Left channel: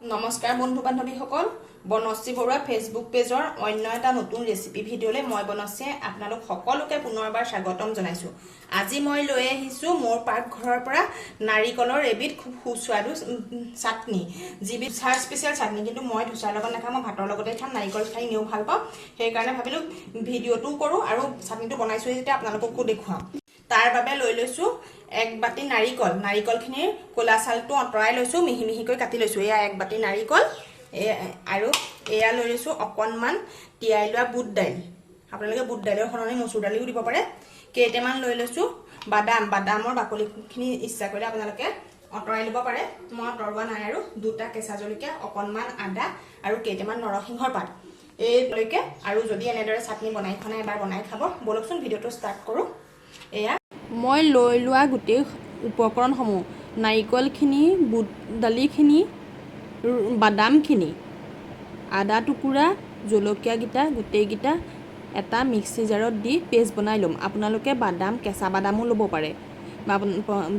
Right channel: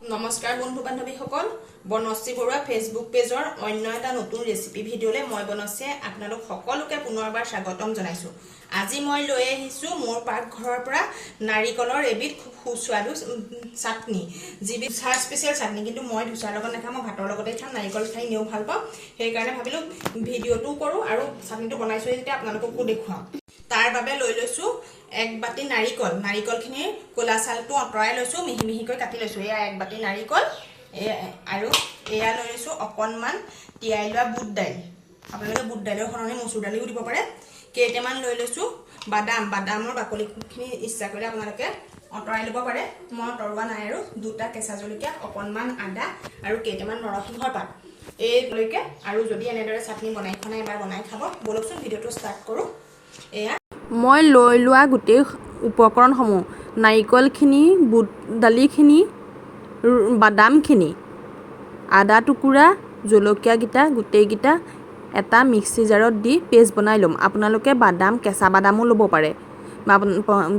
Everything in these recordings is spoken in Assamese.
নমস্কাৰ বন্ধু বান্ধৱীসকল, বনশ্ৰী বৰুৱা ফেচবুক পেজৰ অন্য এটা নতুন ৰেচিপি ভিডিঅ'লৈ মই বনশ্ৰীয়ে আপোনালোক সকলোকে পুনৰবাৰ স্বাগতম জনাইছোঁ। আজি মই লৈ আহিছোঁ মোৰ পাকঘৰৰ পৰা নাৰিকলৰ এবিধ খুব সুস্বাদু চাটনি, যিবিধ চাহ স্পেচিয়েল চাটনি, কিন্তু মই ধোচাৰ লগত নাখাওঁ, মই ভাতৰ লগতে খাম। নাৰিকল খাই এনেও ভাল পাওঁ, সেইকাৰণে ভাবিলোঁ ভিডিঅ'টোও কৰোঁ আৰু চাটনিটো বনাইছোঁ যেতিয়া আপোনালোককো দেখুৱাওঁ। তাৰ বাবে লৈ লৈছোঁ 1 বাটি নাৰিকল। নাৰিকলখিনিৰ ক'লা ছালটো আঁতৰাই লৈছোঁ, মিহি মিহিকৈ কাটি লৈছোঁ। এয়া 1 বাটি নাৰিকল, আৰু এয়া লৈ লৈছোঁ অকণমান তিয়াই লোৱা বুট দাইল। আপোনালোকে বুট দাইলৰ সলনি মচুৰ দালিও দিব পাৰে। কেইটামান লৈ লৈছোঁ বাদাম। বাদামৰ বাকলিখিনি ইচ্ছা কৰিলে আপোনালোকে আঁতৰাই ল'ব পাৰে, মই আঁতৰোৱা নাই। আৰু 2টা কেঁচা জলকীয়া, অকণমান আদা আৰু কেইটামান নৰসিংহৰ পাত এইলৈকে। আৰু যদি এনেদৰে চাটনি বনাই খোৱা নাই, এবাৰ বনাই খাব। ব'লকচোন ভিডিঅ'টো ষ্টাৰ্ট কৰোঁ। এয়া মই লৈ লোৱা গোটেই উপকৰণসমূহ: নাৰিকলখিনি, বুট দালিখিনি, বাদামখিনি, আদা টুকুৰা, জলকীয়াকেইটা গোটেইকেইটা এটা মিক্সি জাৰত দি পেষ্ট বনাই ল'ম। আপোনালোকে বাদাম, কেঁচা বাদামো ল'ব পাৰে,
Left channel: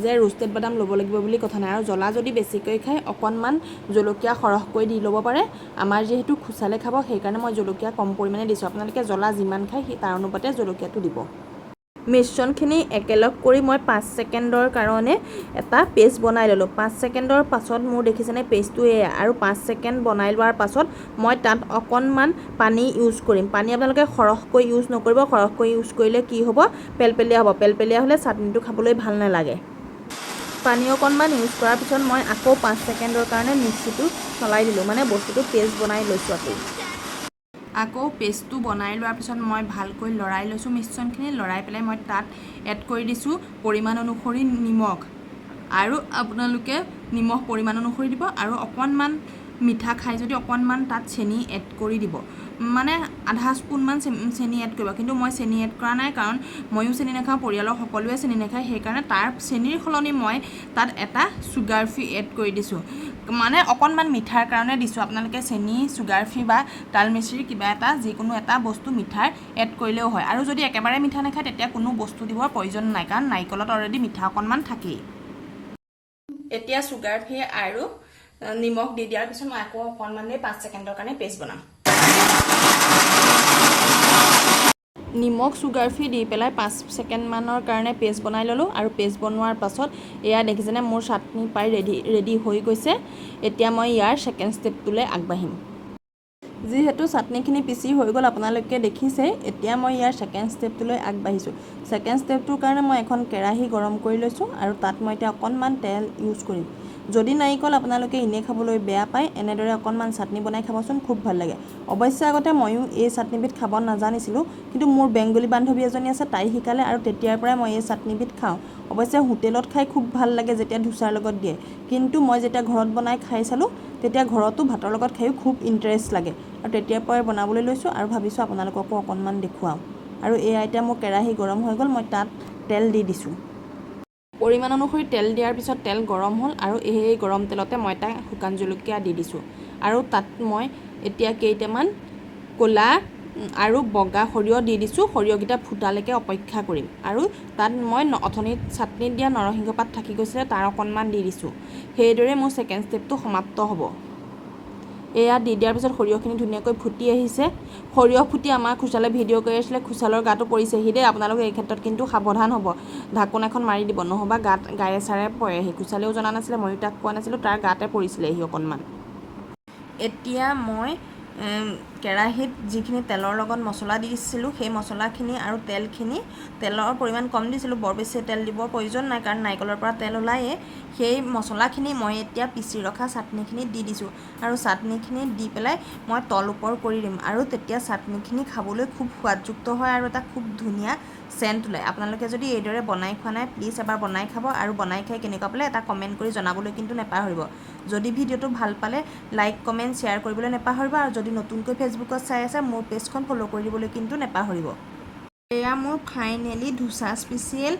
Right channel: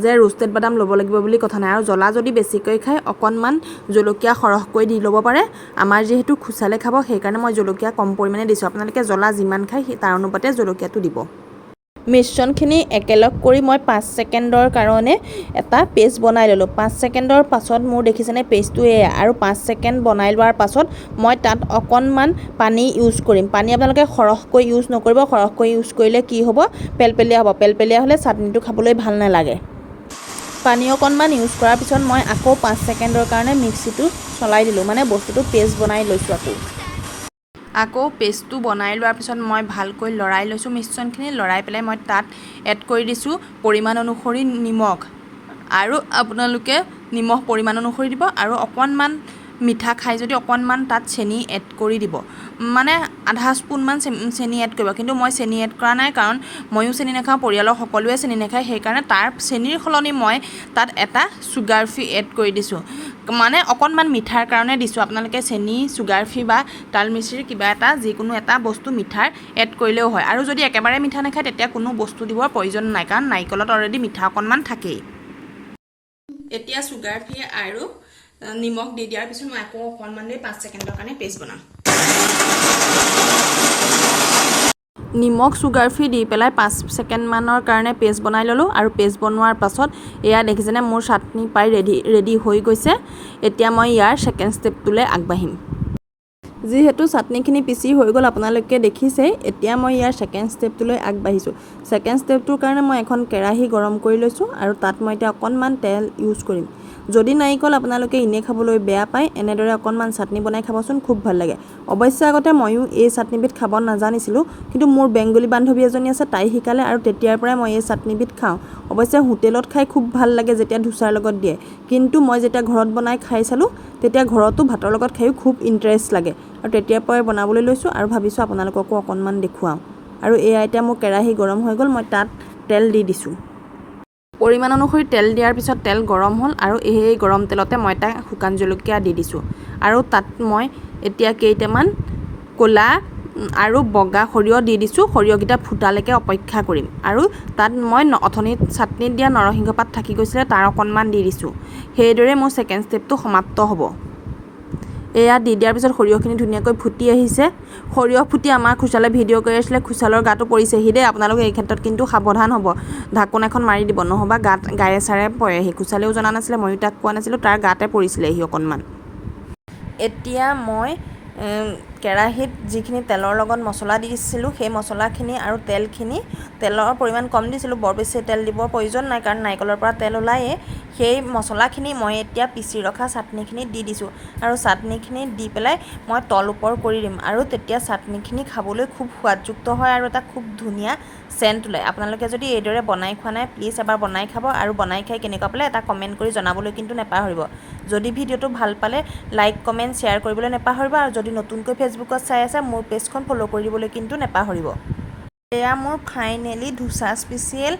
যে ৰোষ্টেড বাদাম ল'ব লাগিব বুলি কথা নাই। আৰু জ্বলা যদি বেছিকৈ খায়, অকণমান জলকীয়া সৰহকৈ দি ল'ব পাৰে। আমাৰ যিহেতু খুচালে খাব, সেইকাৰণে মই জলকীয়া কম পৰিমাণে দিছোঁ। আপোনালোকে জ্বলা যিমান খায় তাৰ অনুপাতে জলকীয়াটো দিব। মিশ্ৰণখিনি একেলগ কৰি মই 5 ছেকেণ্ডৰ কাৰণে এটা পেষ্ট বনাই ল'লোঁ। 5 ছেকেণ্ডৰ পাছত মোৰ দেখিছেনে পেষ্টটো এয়া। আৰু 5 ছেকেণ্ড বনাই লোৱাৰ পাছত মই তাত অকণমান পানী ইউজ কৰিম। পানী আপোনালোকে সৰহকৈ ইউজ নকৰিব, সৰহকৈ ইউজ কৰিলে কি হ'ব, পেলপেলীয়া হ'ব। পেলপেলীয়া হ'লে চাটনিটো খাবলৈ ভাল নালাগে। পানী অকণমান ইউজ কৰাৰ পিছত মই আকৌ 5 ছেকেণ্ডৰ কাৰণে মিক্সিটো চলাই দিলোঁ, মানে বস্তুটো পেষ্ট বনাই লৈছোঁ। আকৌ পেষ্টটো বনাই লোৱাৰ পিছত মই ভালকৈ লৰাই লৈছোঁ মিশ্ৰণখিনি। লৰাই পেলাই মই তাত এড কৰি দিছোঁ পৰিমাণ অনুসৰি নিমখ। আৰু আপোনালোকে নিমখ পৰিমাণ অনুসৰি দিব। আৰু অকণমান মিঠা খাই যদি অকণমান তাত চেনি এড কৰি দিব, মানে আধা স্পুনমান চেনি এড কৰিব। কিন্তু মই চেনি এড কৰা নাই, কাৰণ ময়ো চেনি নাখাওঁ, পৰিয়ালৰ সকলোৱে চেনি নাখায়। সেইকাৰণে তাৰ চেনিৰ সলনি মই তাত এটা চুগাৰ ফ্ৰী এড কৰি দিছোঁ, মানে অকণমান মিঠাৰ কাৰণে দিছোঁ। আপোনালোকে চেনি, চুগাৰ ফ্ৰী বা তাল মিচিৰি কিবা এটা যিকোনো এটা বস্তু মিঠাৰ এড কৰিলেও হয়। আৰু যদি একেবাৰে মিঠা নাখায়, তেতিয়া কোনো বস্তু দিবৰ প্ৰয়োজন নাই, কাৰণ নাৰিকলত অলৰেডি মিঠা অকণমান থাকেই। এতিয়া চুগাৰ ফ্ৰী আৰু নিমখ দি দিয়াৰ পিছত মই আকৌ অকণমান দেৰি 5 ছেকেণ্ডৰ কাৰণে পেষ্ট বনাম। নিমখ, চুগাৰ ফ্ৰী দি পেলাই 5 ছেকেণ্ডমানৰ কাৰণে পেষ্ট বনাই ল'লোঁ। আৰু পেষ্ট বনোৱাৰ পাছত এয়া দেখিছেনে মোৰ চাটনি প্ৰায় ৰেডি হৈ গৈছে। এতিয়া মই ইয়াৰ ছেকেণ্ড ষ্টেপটোলৈ আগবাঢ়িম। যিহেতু চাটনিখিনি পিচি হৈ গ'ল, আপোনালোকে দেখিছেই। এতিয়া মই ইয়াৰ ছেকেণ্ড ষ্টেপটোলৈ আগবাঢ়িছোঁ। ছেকেণ্ড ষ্টেপটোৰ কাৰণে মই এখন কেৰাহী গৰম কৰি লৈছোঁ, আৰু তাত মই এতিয়া অকণমান তেল ইউজ কৰিম। যদি নাৰিকল আপোনালোকে এনেই খাবলৈ বেয়া পায়, এনেদৰে অকণমান চাটনি বনাই খাবচোন, খুব ভাল লাগে। অৱশ্যে আগতে ময়ো এই চাটনিবিধ খাব নাজানিছিলোঁ, কিন্তু মোৰ বেংগলী বান্ধৱী এজনী আছে, তাই শিকালে, আৰু তেতিয়াৰ পৰাই মই এই চাটনিবিধ খাওঁ। অৱশ্যে হোটেলত খাই খুব ভাল লাগে, যেতিয়া ধোচাৰ লগত দিয়ে। কিন্তু মই যেতিয়া ঘৰত বনাই খাই চালোঁ, তেতিয়া ঘৰতো ভাতৰ লগত খায়ো খুব ইণ্টাৰেষ্ট লাগে। আৰু তেতিয়াৰ পৰাই বনাবলৈ লৈছোঁ, আৰু ভাবিছোঁ আপোনালোককো অকণমান দেখুৱাওঁ। আৰু এয়া এতিয়া মোৰ কেৰাহী গৰম হৈ গ'ল, মই তাত তেল দি দিছোঁ। পৰিমাণ অনুসৰি তেল দিয়াৰ পিছত তেল গৰম হ'ল, আৰু এই গৰম তেলতে মই এটা শুকান জলকীয়া দি দিছোঁ। আৰু তাত মই এতিয়া কেইটামান ক'লা আৰু বগা সৰিয়হ দি দিছোঁ। সৰিয়হকেইটা ফুটালৈকে অপেক্ষা কৰিম। আৰু তাত মই অথনিত চাটনিত দিয়া নৰসিংহ পাত থাকি গৈছিলে, তাৰ অকণমান দি দিছোঁ। সেইদৰে মোৰ ছেকেণ্ড ষ্টেপটো সমাপ্ত হ'ব। এয়া দি দিয়াৰ পিছত সৰিয়হখিনি ধুনীয়াকৈ ফুটি আহিছে। সৰিয়হ ফুটি আমাৰ খুচালে ভিডিঅ' কৰি আছিলে, খুচালৰ গাটো পৰিছেহি দেই। আপোনালোকে এই ক্ষেত্ৰত কিন্তু সাৱধান হ'ব, ঢাকোন এখন মাৰি দিব, নহ'বা গায়ে চাৰে পৰেহি। খুচালেও জনা নাছিলে, ময়ো তাক কোৱা নাছিলোঁ, তাৰ গাতে পৰিছিলেহি অকণমান। এতিয়া মই কেৰাহীত যিখিনি তেলৰ লগত মছলা দিছিলোঁ, সেই মছলাখিনি আৰু তেলৰ পৰিমাণ কম দিছিলোঁ, বৰ বেছি তেল দিবৰ প্ৰয়োজন নাই, কাৰণ নাৰিকলৰ পৰা তেল ওলায়েই। সেই মছলাখিনি মই এতিয়া পিচি ৰখা চাটনিখিনি দি দিছোঁ। আৰু চাটনিখিনি দি পেলাই মই তল ওপৰ কৰি দিম। আৰু তেতিয়া চাটনিখিনি খাবলৈ খুব সোৱাদযুক্ত হয়, আৰু এটা খুব ধুনীয়া চেণ্ট ওলায়। আপোনালোকে যদি এইদৰে বনাই খোৱা নাই, প্লিজ এবাৰ বনাই খাব, আৰু বনাই খাই কেনেকুৱা পালে এটা কমেণ্ট কৰি জনাবলৈ কিন্তু নেপাহৰিব। যদি ভিডিঅ'টো ভাল পালে লাইক, কমেণ্ট, শ্বেয়াৰ কৰিবলৈ নেপাহৰিব। আৰু যদি নতুনকৈ ফেচবুকত চাই আছে, মোৰ পেজখন ফ'ল' কৰি দিবলৈ কিন্তু নেপাহৰিব। এয়া মোৰ ফাইনেলি ধোচা স্পেচিয়েল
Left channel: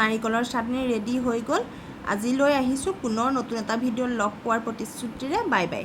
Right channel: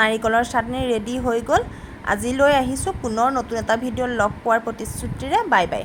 নাৰিকলৰ চাটনি ৰেডি হৈ গ'ল। আজিলৈ আহিছোঁ, পুনৰ নতুন এটা ভিডিঅ'ত লগ পোৱাৰ প্ৰতিশ্ৰুতিৰে। Bye bye.